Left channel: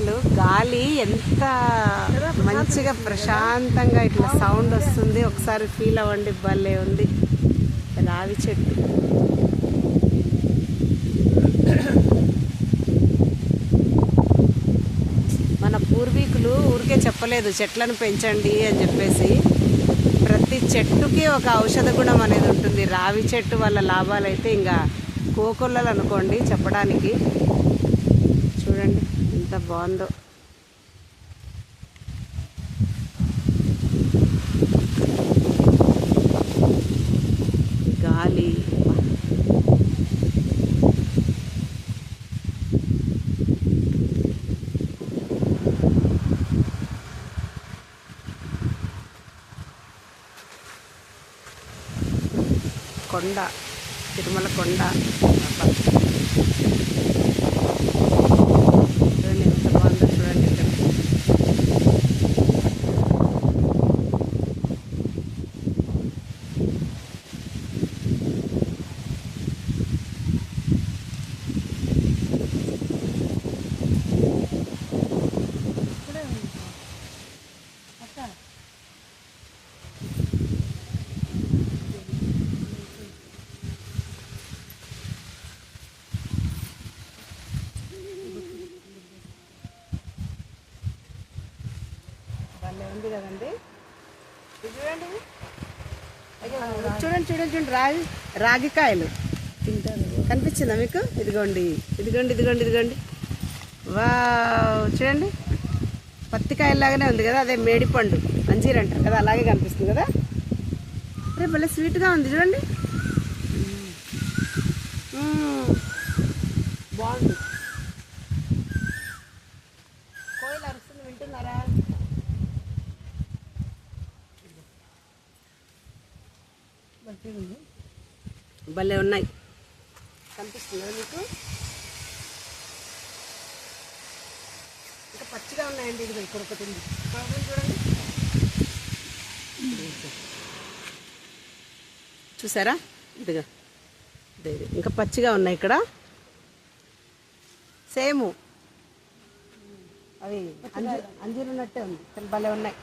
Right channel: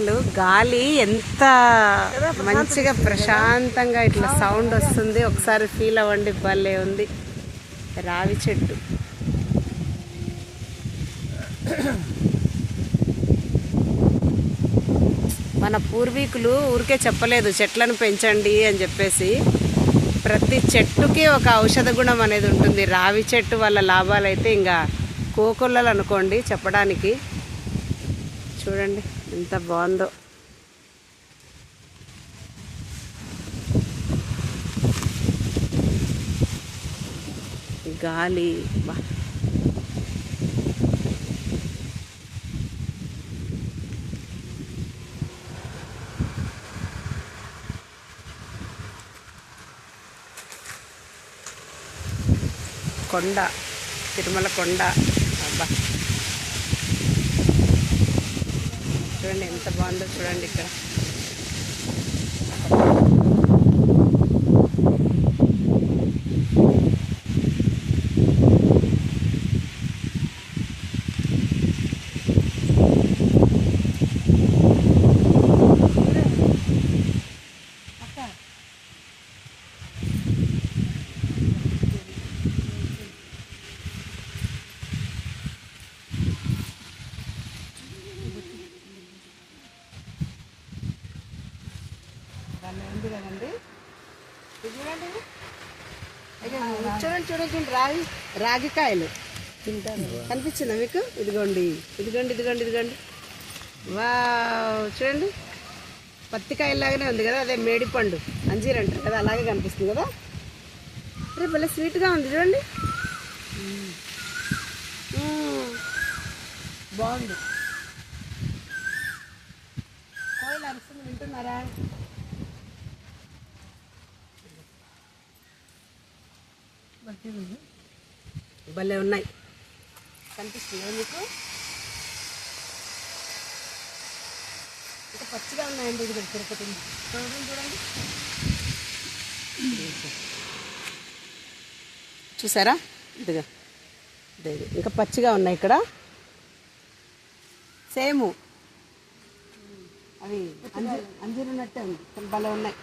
అసలు గాలి ఎంత మంచిగా ప్రశాంతంగా ఇట్లా సౌండ్ వస్తుంది, ఒకసారి ఫీల్ అవ్వండి. భలే ఉంది రావి చెట్టు. మన పూర్వీకులు ఊరికే చెప్పలేదు చెట్లను పెంచండి అని చెప్పేసి. ప్రతి చెట్టుకి ఒక ఔషధ గుణం అనేది ఉంటుంది. రావి చెట్టు వల్ల లాభాలు అయితే ఇంకా కోకొల్లలు అనుకోండి చెప్పడానికి. చూడండి ఎంత బాగుందో. గాలి కొండ, తిరుమల కొండ. అబ్బా చూడండి ఎంత బాగుందో చూడండి ఇక్కడ. ఉంది కదండి చూడండి. చూడండి చూడండి చూడండి రాగికాయలు తింటారు. కనిపించిందా మీకు? ఇదిగోండి ఇదిగోండి ఇదిగోండి ఇదిగోండి. వా చూడండి పత్తికాయలాగానే ఉంది కదా, అదే మేడిపండు అంజీర్ అంటారు కదా, అలాగే కనిపిస్తుంది కదా. అరే భలే స్వీట్గా ఉంది చూడండి. బాగుంది. కోయిలు అరుస్తుంది వింటున్నారా? భలే ఉన్నాయి. కనిపిస్తుందా మీకు? ఇంకా పచ్చిగా ఉన్నాయండి. ఇది ఇక్కడ ఒకటి ఉంది చూడండి చూడండి. చూసారా? ఇదిగా ఇది ఇంకా పచ్చిగా ఉన్నాయి ఇక్కడ. సేము అవి అంజీరు ఉన్నట్టే ఉంది, భలే ఉన్నాయి.